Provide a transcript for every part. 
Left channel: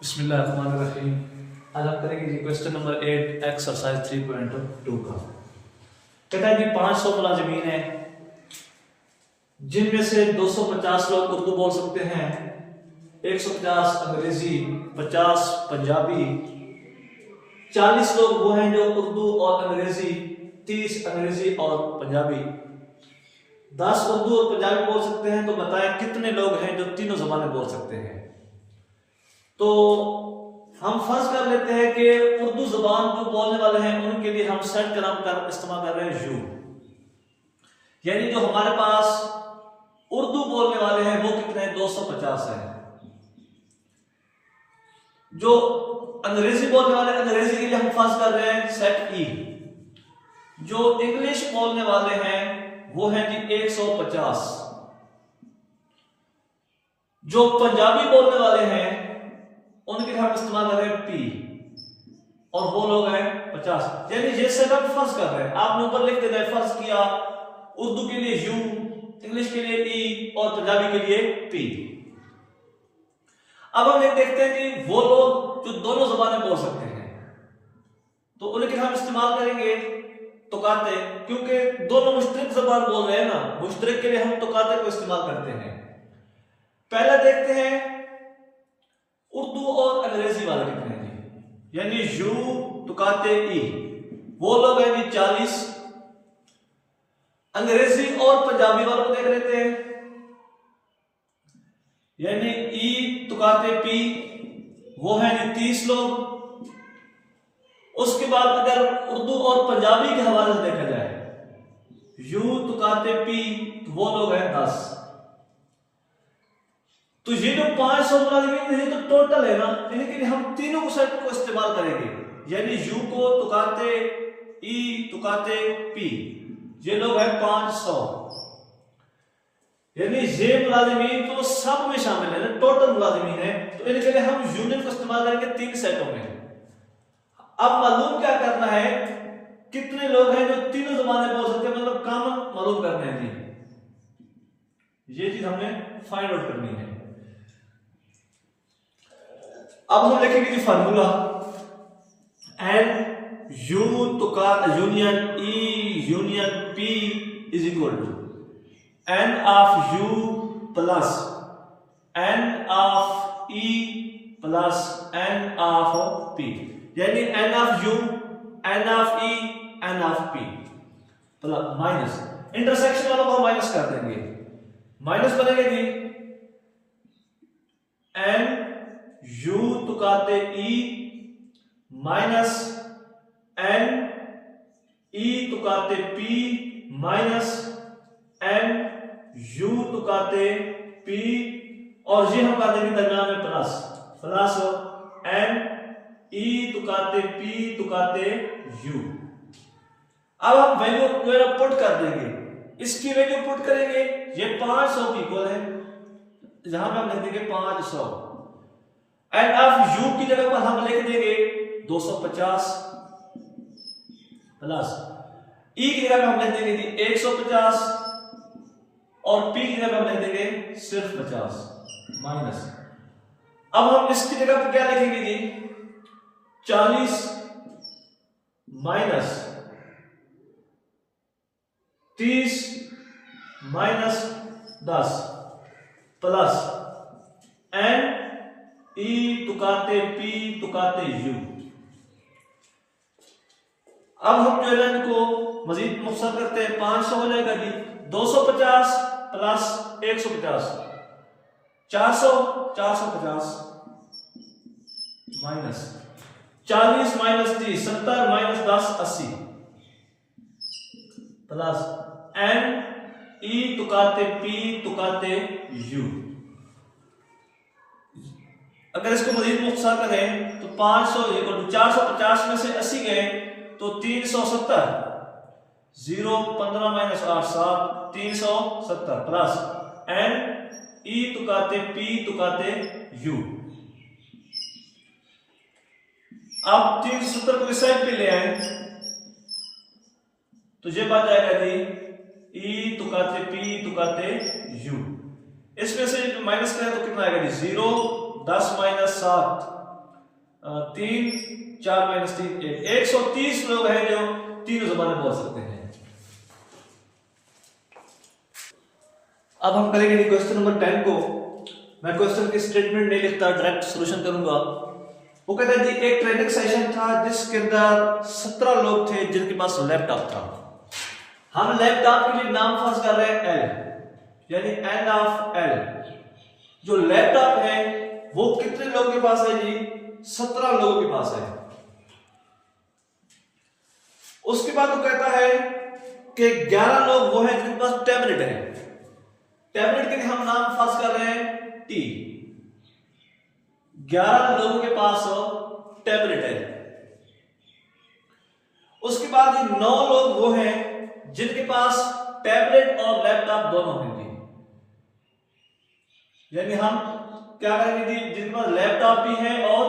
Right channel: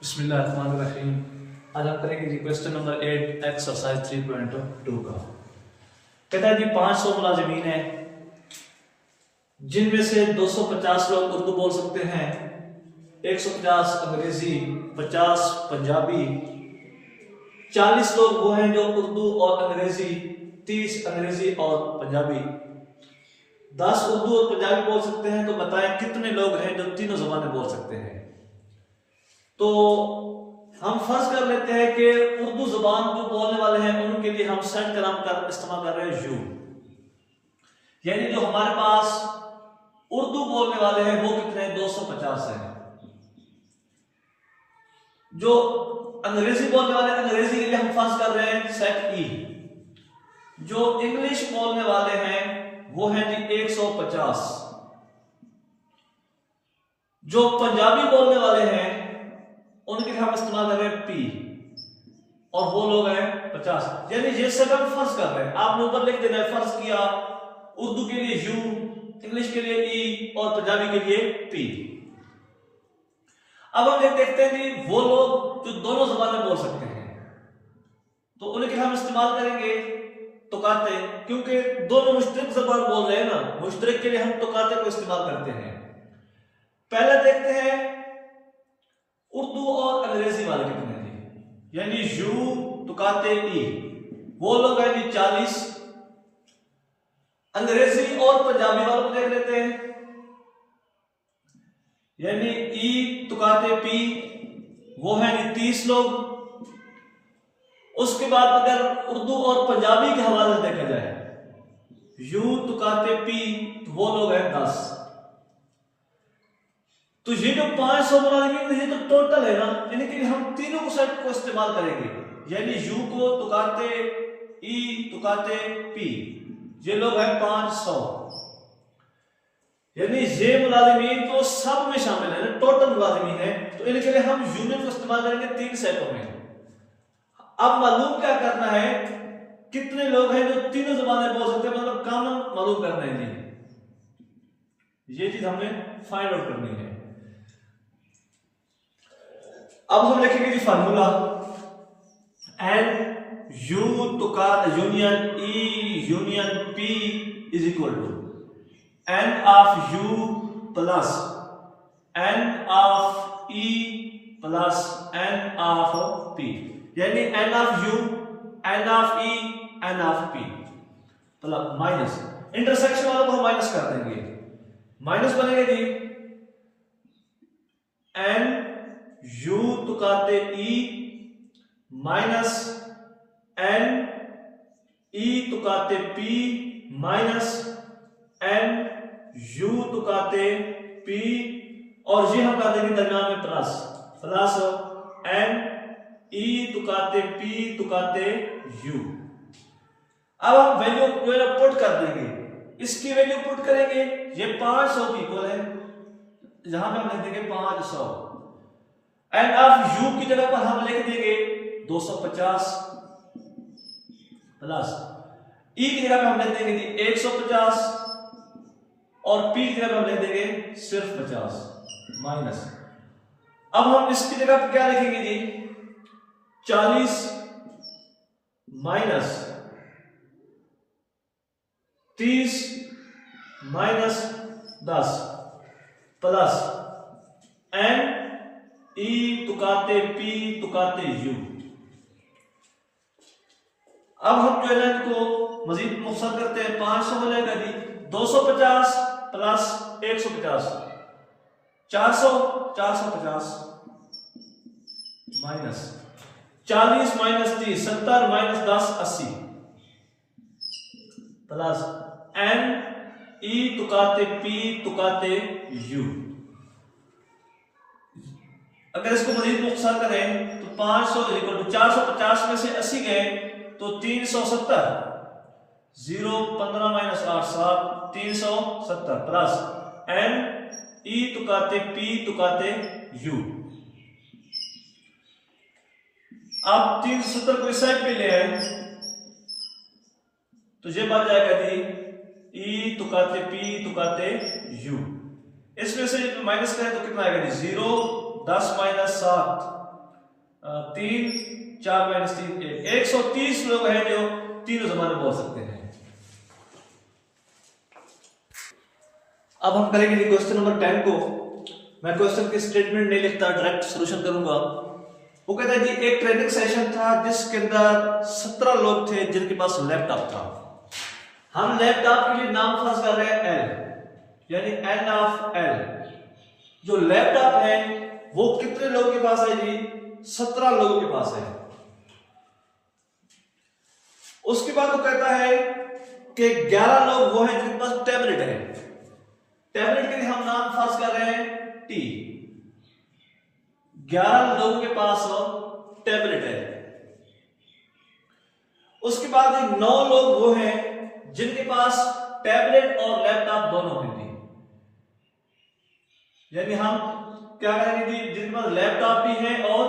बिस्मिल्लाहिर्रहमानिर्रहीम। आज हम करेंगे जी क्वेश्चन नंबर 8 एक्सरसाइज 3.2 का। कहता है जी 500 मुलाजिमीन है जिनमें से 250 लोग उर्दू बोल सकते हैं, 150 अंग्रेजी, 50 पंजाबी, 40 लोग वो हैं जो उर्दू और अंग्रेजी, 30 अंग्रेजी और पंजाबी, 10 उर्दू और पंजाबी बोल सकते हैं। तो बताएं कितने लोग हैं जो तीनों जबानें बोल सकते हैं। तो हम फर्ज कर लेते हैं कि उर्दू जुबान जो बोलने वाले हैं उनके लिए हम सेट कलम का इस्तेमाल कर रहे हैं यू, यानी जो हमारे पास उर्दू बोलने वाले हैं वो कितने हैं, 250 हैं। जो अंग्रेजी बोलने वाले अंग्रेजी के लिए हम फर्ज कर रहे हैं सेट ई। जो इंग्लिश बोलने वाले हैं वो है जी 150। जो पंजाबी बोलने वाले हैं उनके लिए हम इस्तेमाल कर रहे हैं पी, और वो लोग हैं 50। यानी जैसे हम फर्ज कर रहे हैं, आप ऊपर लिख देना है, फर्ज किया उर्दू के लिए यू, इंग्लिश के लिए ई और पंजाबी के लिए पी। अब हम देखते हैं कि वो लोग जो दोनों जबानें बोल सकते हैं तो उनके लिए हम इस्तेमाल करेंगे तुकाते, क्योंकि दोनों मुश्तरक जबान बोल रहे हैं ना, मुश्तरक के लिए हम तुकाते को इस्तेमाल करते हैं। पहले देखते हैं उर्दू और अंग्रेजी वाले कितने हैं जी, यानी यू तुकाते ई, वो लोग हैं जी 40। अंग्रेजी और पंजाबी वालों को देख लेते हैं, यानी ई तुकाते पी, वो है जी 30 लोग। उसके बाद अगर उर्दू और पंजाबी के हवाले से देखा जाए, यू तुकाते पी, तो वो लोग हैं 10। तो ये जो 500 मुलाजिमीन है तो टोटल है ना, यानी कि हम तीनों को सेट को इस्तेमाल करेंगे, यानी यू को तुकाते ई तुकाते पी, ये लोग हैं 500। यानी ये मुलाजिमीन तो सब में शामिल है, टोटल मुलाजिमीन है। तो इनके लिए हम यूनियन को इस्तेमाल करेंगे 3 सेटों में। अब मालूम क्या करना है, कितने लोग हैं जो तीनों जबानें बोल सकते हैं, मतलब कॉमन मालूम करना है जी, ये चीज हमने फाइंड आउट करनी है। अब हम लिखेंगे जी फार्मूला, एंड यू तुका union E union P is equal to N of U plus N of E plus N of P, यानी N of U, N of E, N of P plus minus, intersection वालों को हम minus कर देंगे, minus बनेगा जी N U तुकाते E minus N E तुकाते पी माइनस एन यू तुकाते पी, और ये हम कर देंगे दरम्यान में प्लस, प्लस एन ई तुकाते पी तुकाते यू। अब हम वैल्यू पुट कर देंगे, इसकी वैल्यू पुट करेंगे, ये 500 की इक्वल है, जहां पे हम लिख देंगे 500, एंड ऑफ यू की जगह पर हम लिख देंगे 250 प्लस ई की जगह पर हम लिख देंगे 150 और पी की जगह पर हम लिख देंगे सिर्फ 50 माइनस। अब हम इसकी जगह पर क्या लिखेंगे जी 40 minus 30 minus 10 plus N E तुकाते पी तुकाते यू। अब हम जो है इनको मजीद मुख्तसर करते हैं, 500 हो जाएगा जी 250 plus 150, 400 450 minus 40 minus 30 70 minus 10 80 plus N E तुकाते पी तुकाते यू। अगर इसको मजीद मुख्तसर करें तो 500 450 में से 80 गए तो 370, 0 15 माइनस 8 7 370 प्लस एन ई तुकाते पी तुकाते यू। अब 370 को इस साइड पे ले आए तो ये बच जाएगा जी ई तुकाते पी तुकाते यू। इसमें से माइनस करें तो कितना आएगा जी 0 10 माइनस 7 3 4 माइनस 3 130 लोग हैं जो तीनों जबानें बोल सकते हैं। अब हम करेंगे क्वेश्चन नंबर 10 को। मैं क्वेश्चन की स्टेटमेंट नहीं लिखता, डायरेक्ट सॉल्यूशन करूंगा। वो कहता है जी एक ट्रेनिंग सेशन था जिसके अंदर 17 लोग थे जिनके पास लैपटॉप था। हम लैपटॉप के लिए नाम फर्ज कर रहे हैं एल, यानी एन ऑफ एल। जो लैपटॉप है वो कितने लोगों के पास है जी? 17 लोगों के पास है। उसके बाद वो कहता है कि 11 लोग वो हैं जिनके पास टैबलेट है। टैबलेट के लिए हम नाम फर्ज कर रहे हैं टी। 11 लोगों के पास टैबलेट है। उसके बाद 9 लोग वो हैं जिनके पास टैबलेट और लैपटॉप दोनों हैं जी। यानी हम क्या करेंगे जी, जिनके पास लैपटॉप भी है और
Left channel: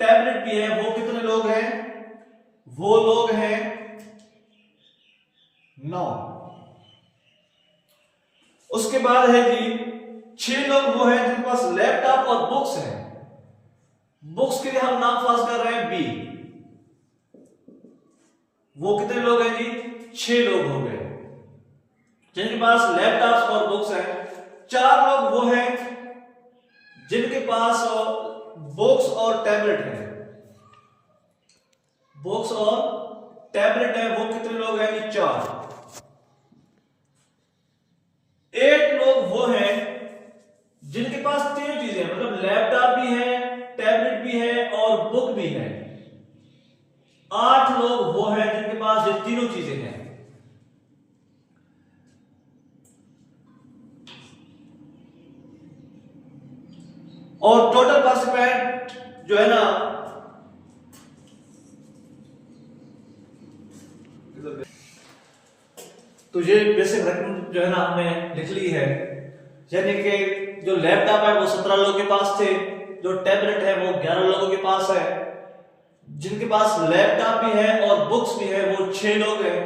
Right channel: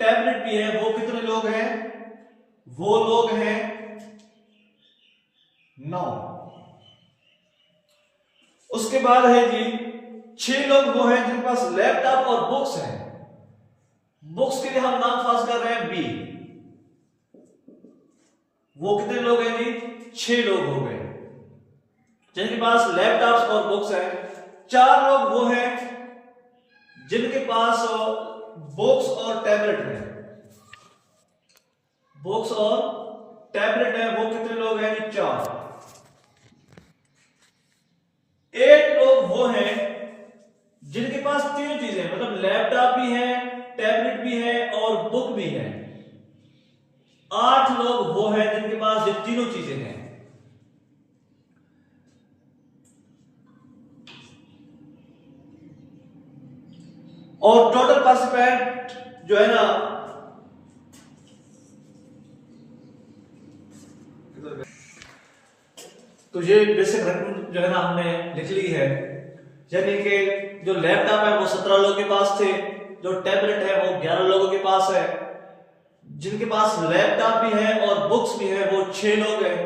टैबलेट भी है वो कितने लोग हैं? वो लोग हैं 9। उसके बाद है जी 6 लोग वो हैं जिनके पास लैपटॉप और बुक्स हैं। बुक्स के लिए हम नाम पास कर रहे हैं बी। वो कितने लोग हैं जी? 6 लोग हो गए जिनके पास लैपटॉप और बुक्स हैं। 4 लोग वो हैं जिनके पास बुक्स और टैबलेट है। बुक्स और टैबलेट है, वो कितने लोग हैं जी? 4। 8 लोग वो हैं जिनके पास 3 चीजें हैं, मतलब लैपटॉप भी है, टैबलेट भी है और बुक भी है। 8 लोग वो हैं जिनके पास ये तीनों चीजें हैं। और टोटल पार्टिसिपेंट जो है ना, तो ये बेसिक रकम जो है ना हमने लिख ली है। यानी कि जो लैपटॉप है वो 17 लोगों के पास थे, जो टैबलेट है वो 11 लोगों के पास है, जिनके पास लैपटॉप भी है और बुक्स भी है वो 6 लोग हैं,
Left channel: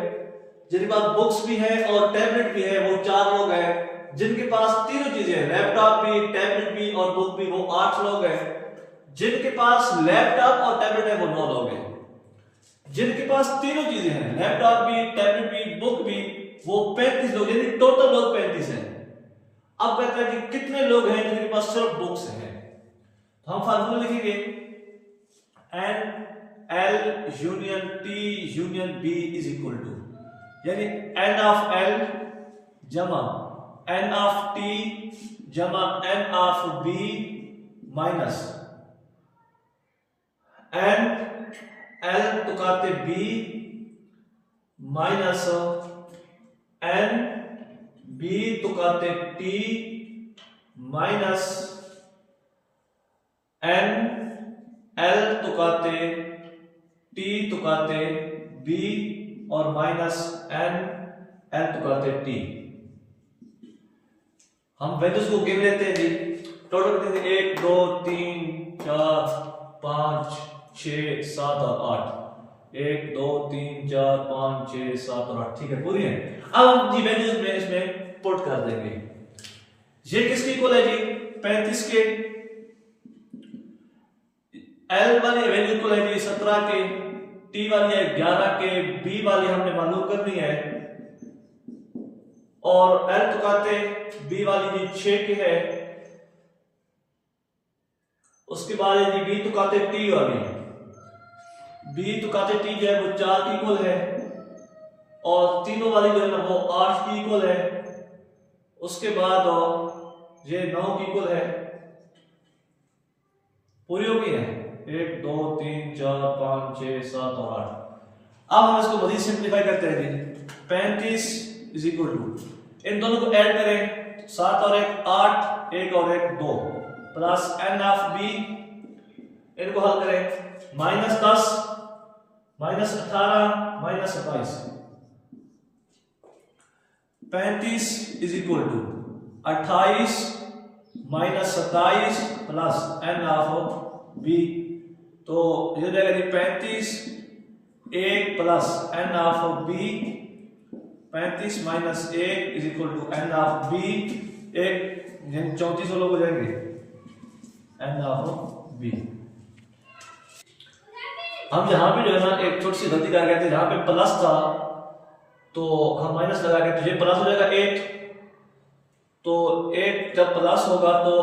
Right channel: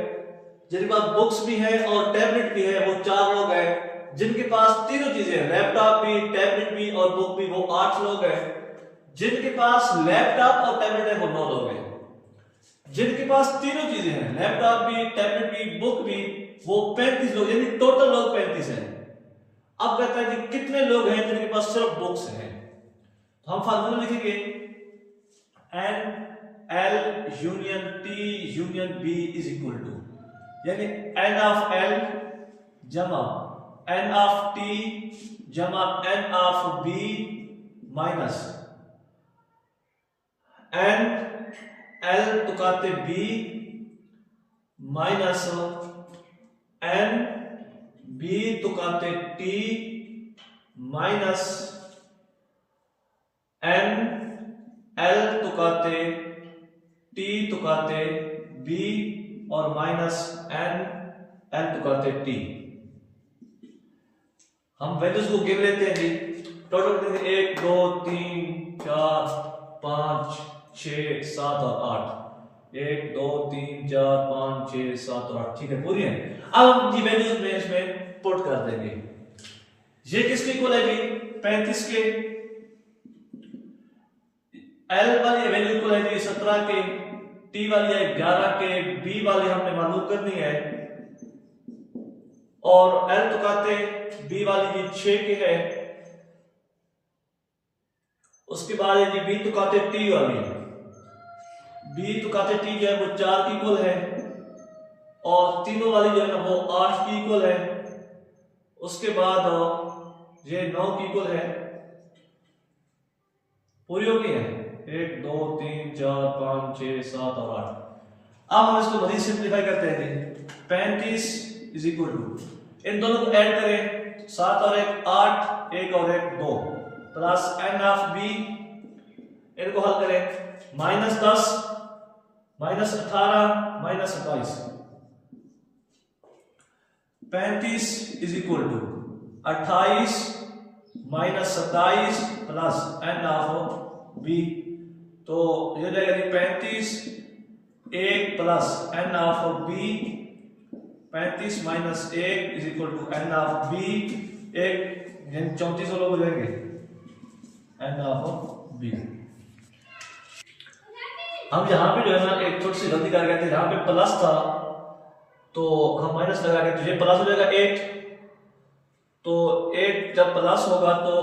जिनके पास बुक्स भी है और टैबलेट भी है वो 4 लोग हैं, जिनके पास तीनों चीजें लैपटॉप भी, टैबलेट भी और बुक भी वो 8 लोग हैं, जिनके पास लैपटॉप और टैबलेट है वो 9 लोग हैं, जिनके पास तीनों चीजें हैं लैपटॉप भी, टैबलेट भी, बुक भी, वो 35 लोग, यानी टोटल लोग 35 हैं। अब कहता है कि कितने लोग हैं जिनके पास सिर्फ बुक्स हैं। तो हम फार्मूला लिखेंगे N L union T union B is equal to, यानी एन ऑफ एल जमा एन ऑफ टी जमा N of B minus N L तुकाते बी माइनस एन बी तुकाते टी माइनस एन एल तुकाते टी तुकाते B और minus N L तुकाते T. हम वैल्यूज को गिन लेते हैं जी। टोटल कितने? 1 2 3 4 5 6 7 और 8। 1 2 3 4 5 6 7 और 8, ठीक है, पूरी है। अब हम जी वैल्यूज में इसमें पुट कर देंगे। ये किसके इक्वल है जी? 35 के। एल वाली वैल्यू इक्वल है जी 17 के, टी वाली है 11 के, बी वाली हमने मालूम करनी है और एल तुकाते बी वाली जी 6 के है। उसके बाद है जी बी तुकाते टी वाली, बी तुकाते टी जो है वो 4 की इक्वल है और तीनों वाली जो है ना वो 8 की इक्वल है। उसके बाद ये 9 की इक्वल है। पूरी हो गई है 1 2 3 4 5 6 7 और 8। अब हम इसको मजीद सिंप्लीफाई करते हैं जी। 35 इज इक्वल टू, इन दोनों को ऐड करें, 7 और 1 8, 1 और 1 2 प्लस एन ऑफ बी, इनको हल करें, minus 10 minus 18 minus 27। 35 is equal to 28 minus 27 plus N of B. तो ये जाएगा जी 35 1 plus N of B, 35 minus 1 is equal to N of B, 1 34 लोग हो जाएंगे एन ऑफ बी। हम यहाँ पे जो है ना एक छोटी सी गलती कर गए थे, यहाँ पे प्लस था तो हम माइनस लगा गए, तो ये प्लस हो जाएगा 8, तो 8 जब प्लस होगा तो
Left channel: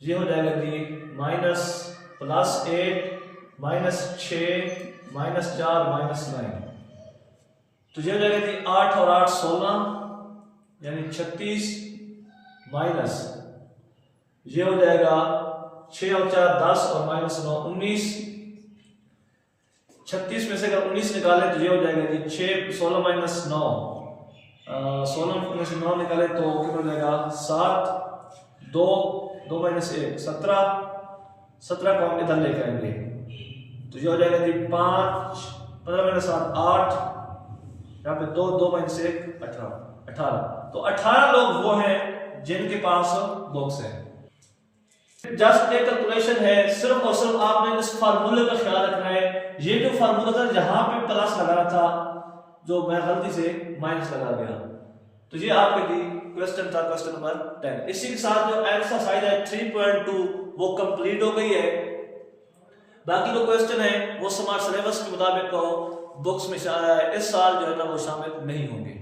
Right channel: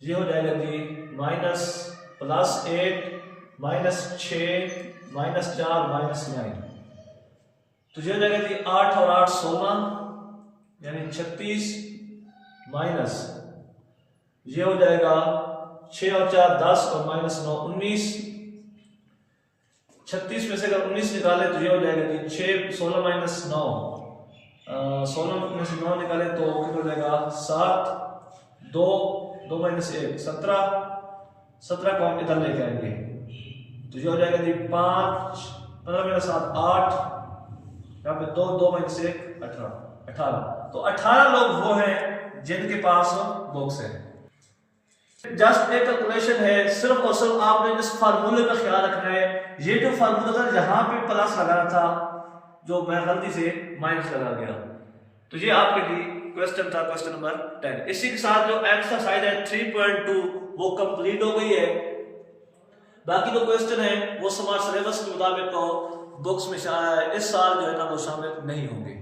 ये हो जाएगा कि minus plus 8 minus 6 minus 4 minus 9, तो ये हो जाएगा कि 8 और 8 16 यानी 36 माइनस ये हो जाएगा 6 और 4 10 और माइनस 9 19, 36 में से अगर 19 निकाले तो ये हो जाएगा कि 6 16 माइनस 9, 16 में से 9 निकाले तो कितना हो जाएगा 7 2 2 माइनस 1 17, 17 को हम इधर लेके आएंगे तो ये हो जाएगा कि 5 15 माइनस 7 8, यहाँ पे 2 2 माइनस 1 18, तो 18 लोग वो हैं जिनके पास बॉक्स है। जस्ट एक कैलकुलेशन है, सिर्फ और सिर्फ आपने इस फार्मूले का ख्याल रखना है। ये जो फार्मूला था जहां पे प्लस लगाना था जो मैं गलती से माइनस लगा गया, तो ये आपके लिए क्वेश्चन था, क्वेश्चन नंबर 10। इसी के साथ जो एक्सरसाइज है 3.2 वो कंप्लीट हो गई है। बाकी जो क्वेश्चन है वो स्मार्ट सिलेबस के मुताबिक बुक्स में इस साल जो है ना वो शामिल नहीं होंगे।